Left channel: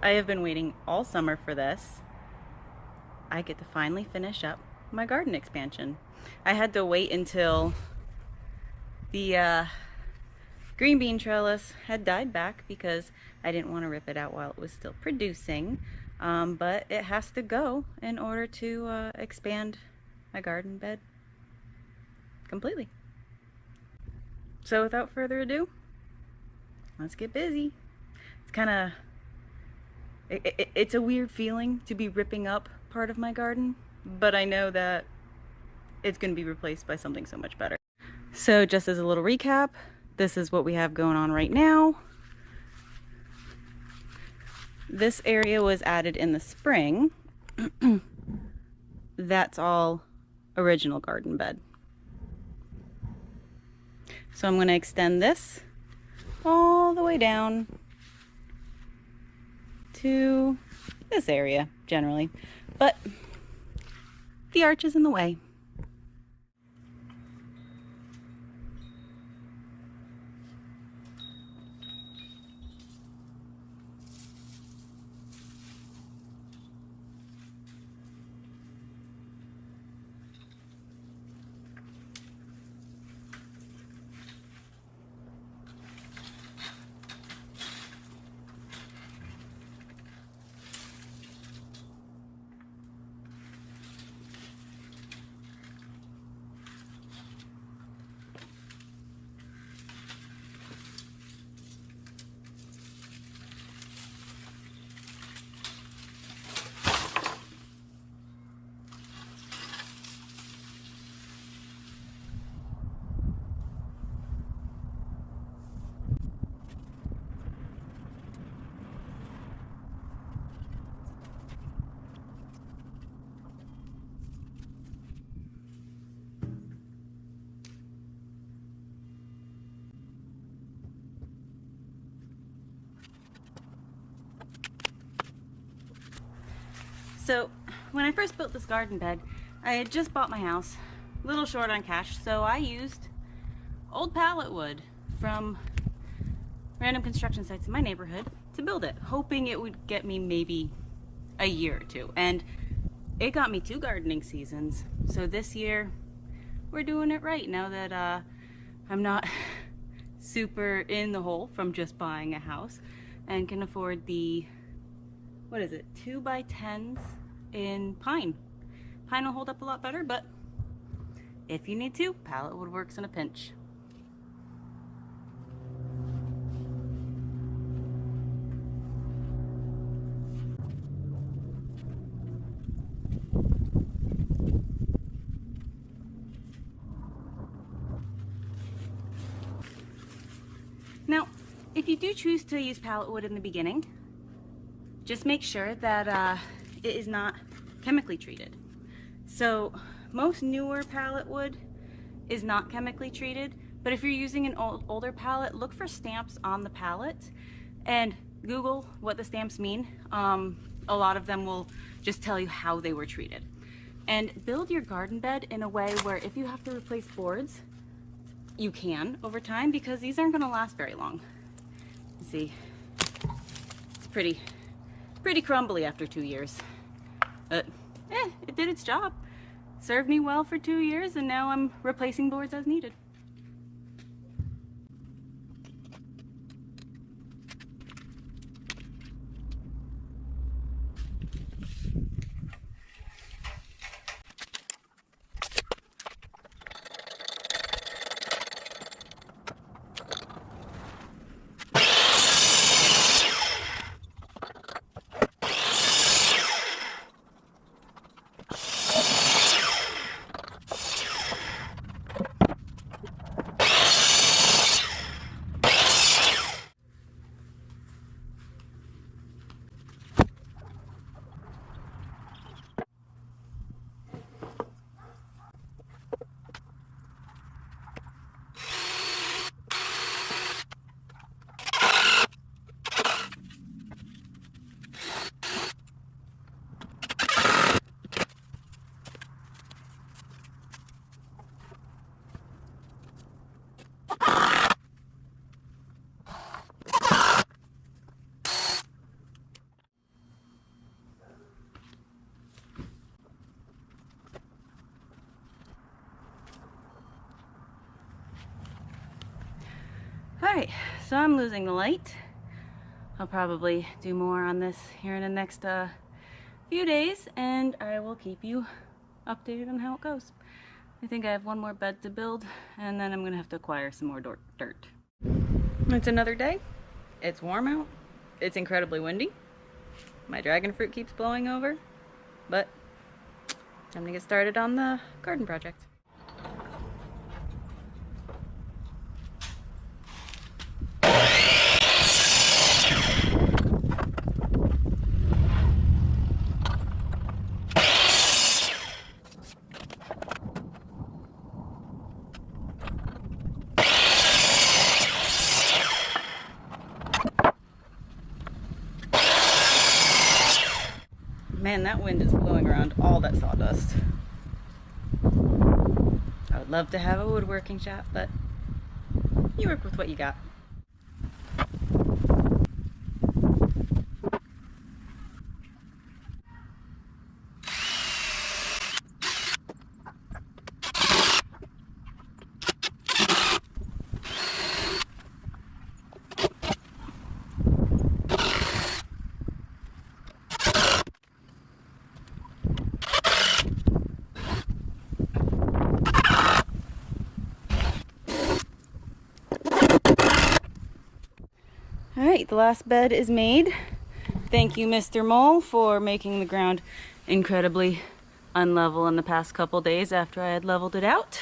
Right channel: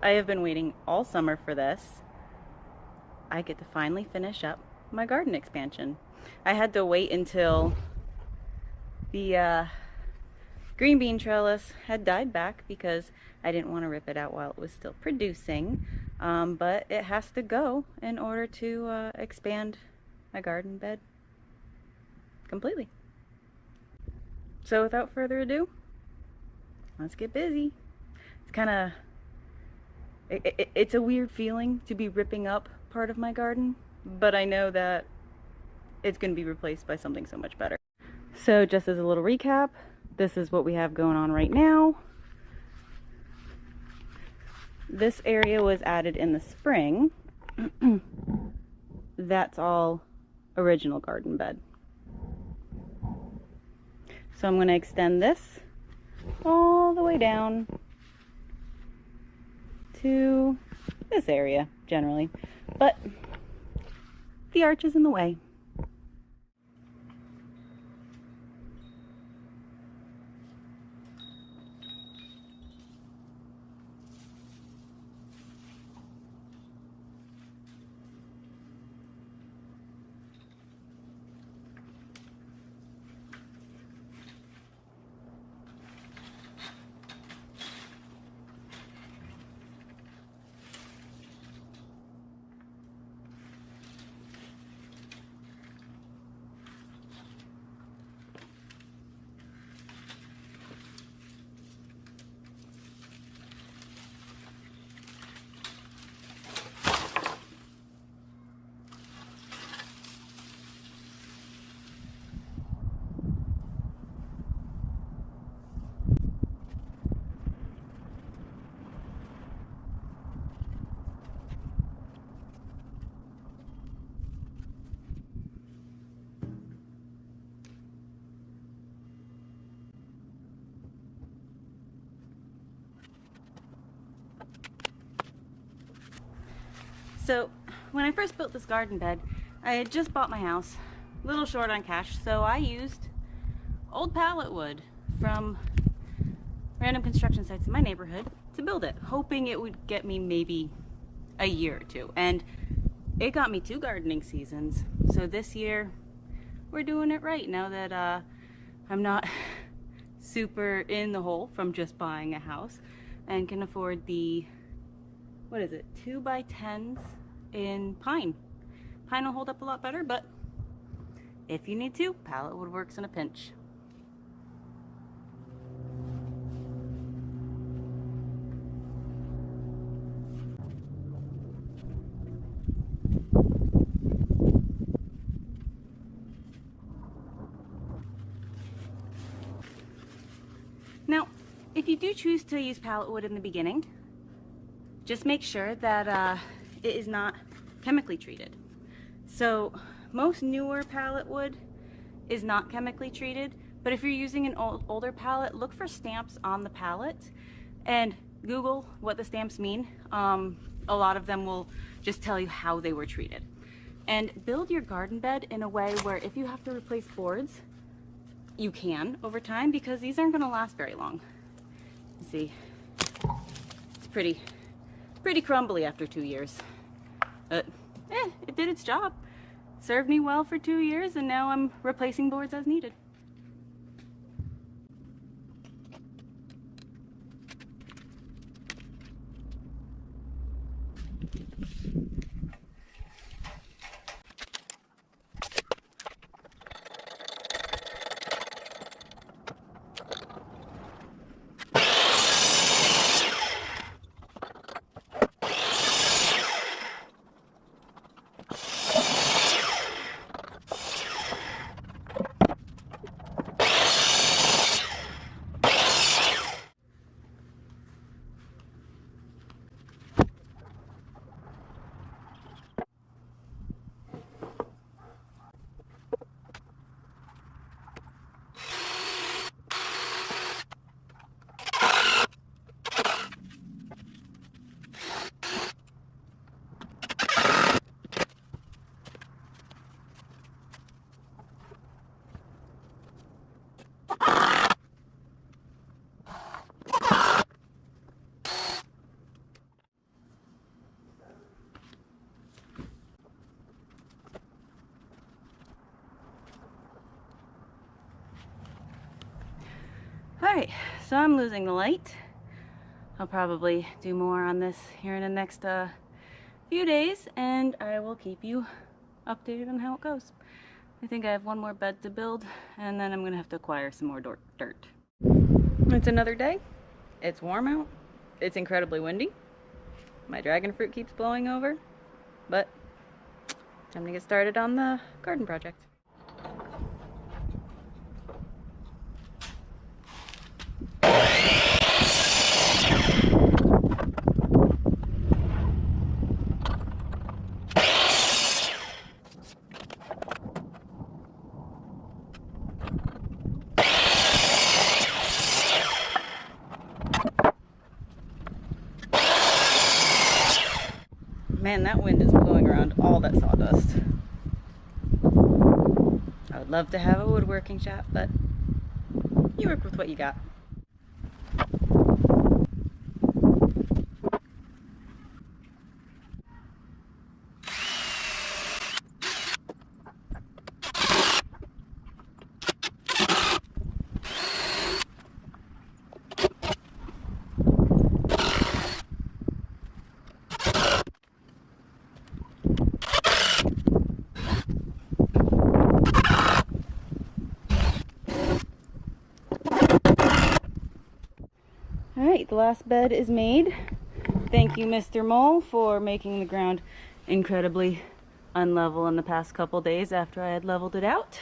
I have been waiting all summer for this. I get to finally finish up my garden expansion. I had to wait until the green bean trellis had died back because I didn't want to rip it out while it was still producing. But it has to go in order to expand my garden bed completely. So without further ado, let's get busy. It's kind of it's a weird feeling to be ripping up part of my garden, but I know that it's going to be replaced by something so much better. So just as a little recap, this is what we have going on right now. This area was added in the spring. That's all original garden bed. So I'm going to extend this all the way down to this area generally, but the arch is in the way. So when I first built this garden bed, I had just bought my house, a little short on cash, so I used old pallet wood from random construction sites in my neighborhood to build it, hoping it would get me maybe a year or two. And it got me 2 gardening seasons. So this year we're doing it right now that I'm not super in the hole from just buying a house and can afford the, what is it, 2x10s in pine. Pine will hold up a lot better, but if you need to, pallet wood works in a pinch. Now, if you do choose to use pallet wood in the beginning, just make sure that it is not chemically treated. So most newer pallet wood is not chemically treated, but if you're using an older pallet, look for stamps on the pallet and Google what the stamps mean. A lot of them will just tell you how they were treated. And build your garden bed in a way where if you have to replace boards, you can over time, because these aren't going to last very long. You see, it's pretty crumbly after 2 years. But it did its job. Served me well for 2 years, and now I'm replacing boards as needed. Alright, so I'm losing the light. I'll probably do more on this here in the next few days, and I will keep you updated on how it goes. I think I have one more bed to build, and then I'm gonna have to acquire some more dirt. It's another day. It's warm out. It's incredibly windy. My dragon fruit keeps blowing over, but time to get started on the garden project. Man, that wind is blowing around all that sawdust. I would love to have a woodworking shop, but you work with what you got. Alright, the last bed is made. Thank you, Mr. Mole, for making the ground incredibly unlevel in the past couple days after I had leveled it out.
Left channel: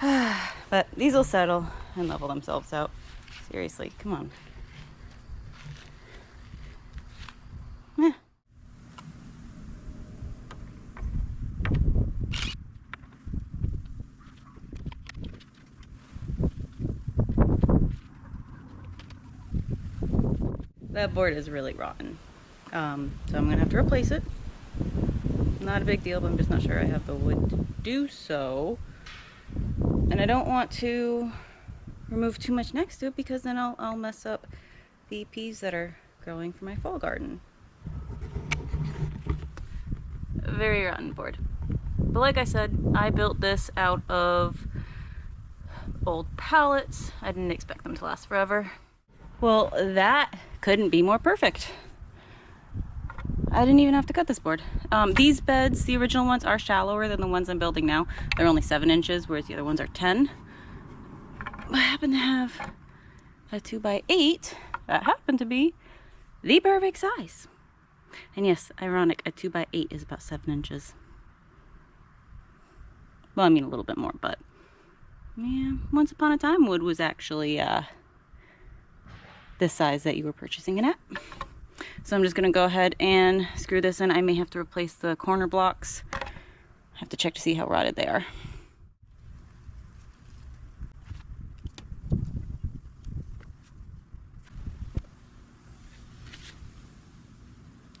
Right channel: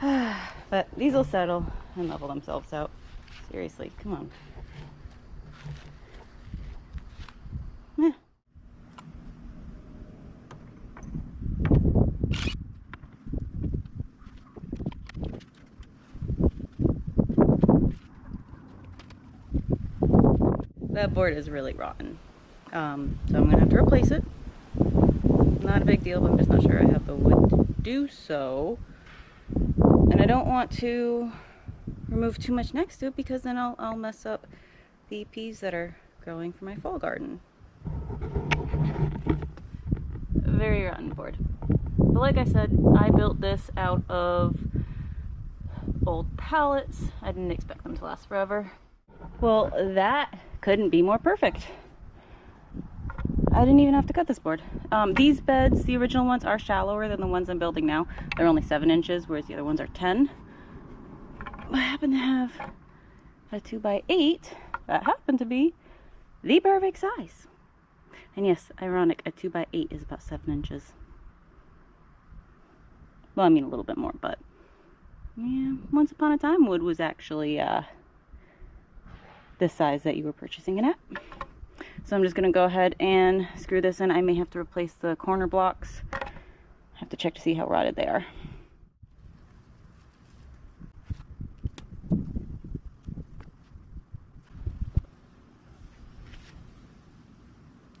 But these will settle and level themselves out. Seriously, come on. Yeah. That board is really rotten, so I'm gonna have to replace it. Not a big deal, but I'm just not sure I have the wood to do so. And I don't want to remove too much next to it, because then I'll mess up the peas that are growing for my fall garden. Very rotten board. But like I said, I built this out of old pallets. I didn't expect them to last forever. Well, that couldn't be more perfect. I didn't even have to cut this board. These beds, the original ones, are shallower than the ones I'm building now. They're only 7 inches, whereas the other ones are 10. I happen to have a 2x8 that happened to be the perfect size. And yes, ironic, a 2x8 is about 7 inches. Well, I mean a little bit more, but yeah, once upon a time wood was actually the size that you were purchasing it at. So I'm just gonna go ahead and screw this in. I may have to replace the corner blocks. I have to check to see how rotted they are.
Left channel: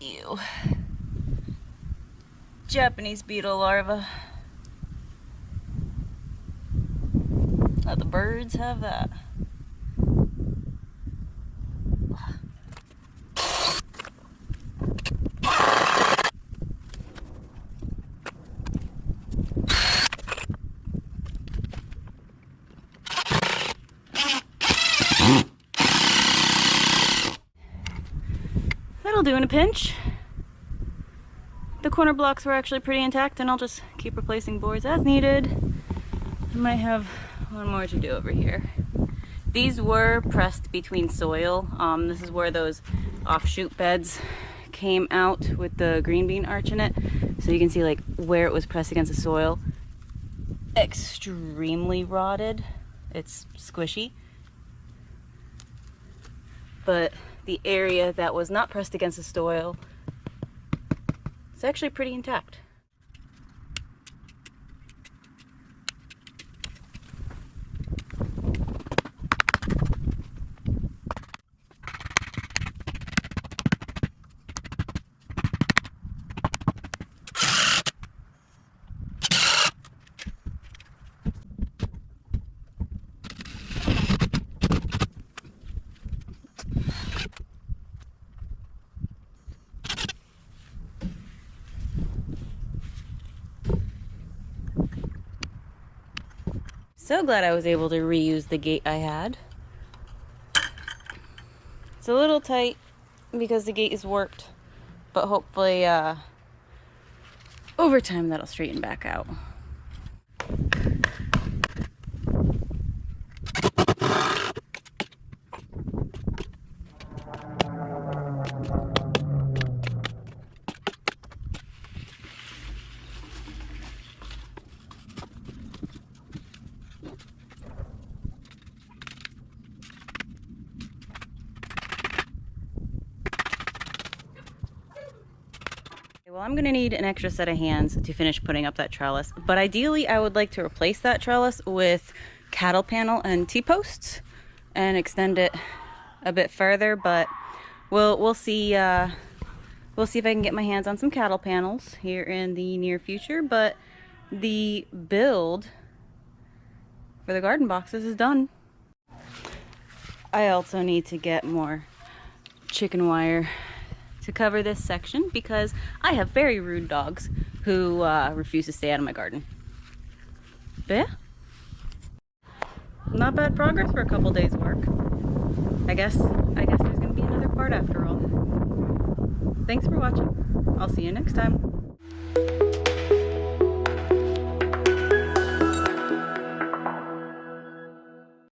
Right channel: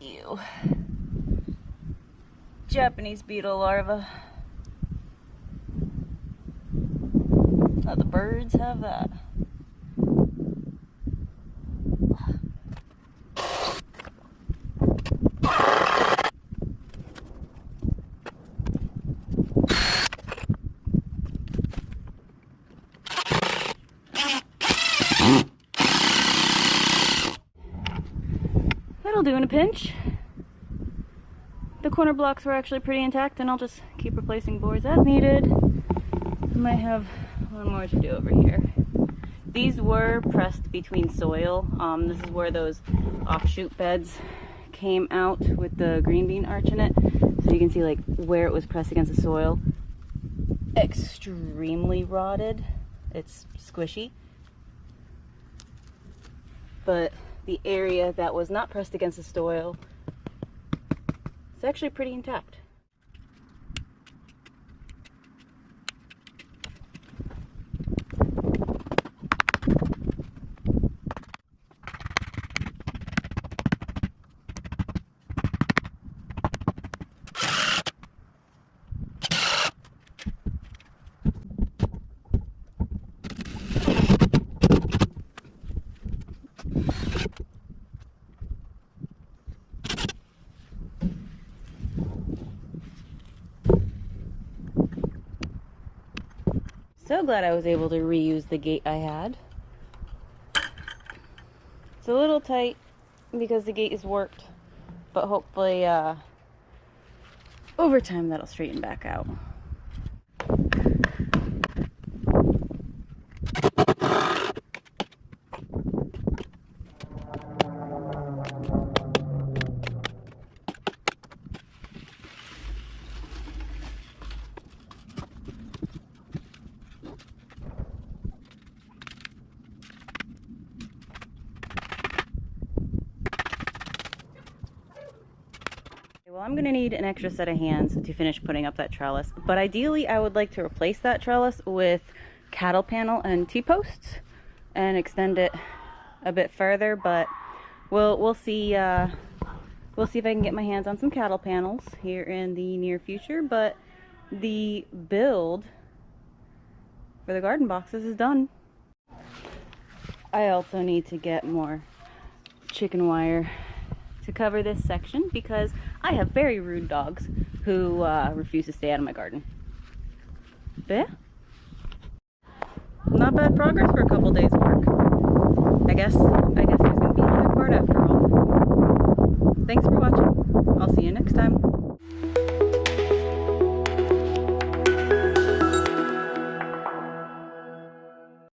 Ew. Japanese beetle larva. Oh, the birds have that. That'll do in a pinch. The corner blocks were actually pretty intact, and I'll just keep replacing boards as needed. I might have one more to do over here. These were pressed between soil. This is where those offshoot beds came out with the green bean arch in it. So you can see like where it was pressed against the soil. Extremely rotted. It's squishy. But the area that was not pressed against the soil is actually pretty intact. So glad I was able to reuse the gate I had. a little tight because the gate is warped, but hopefully over time that'll straighten back out. Well, I'm gonna need an extra set of hands to finish putting up that trellis, but ideally I would like to replace that trellis with cattle panel and T-posts and extend it a bit further, but we'll see if I can get my hands on some cattle panels here in the near future. But the build for the garden boxes is done. I also need to get more chicken wire to cover this section because I have very rude dogs who refuse to stay out of my garden. But yeah, not bad progress for a couple days work. I guess there's gonna be another part after all. Thanks for watching. I'll see you next time.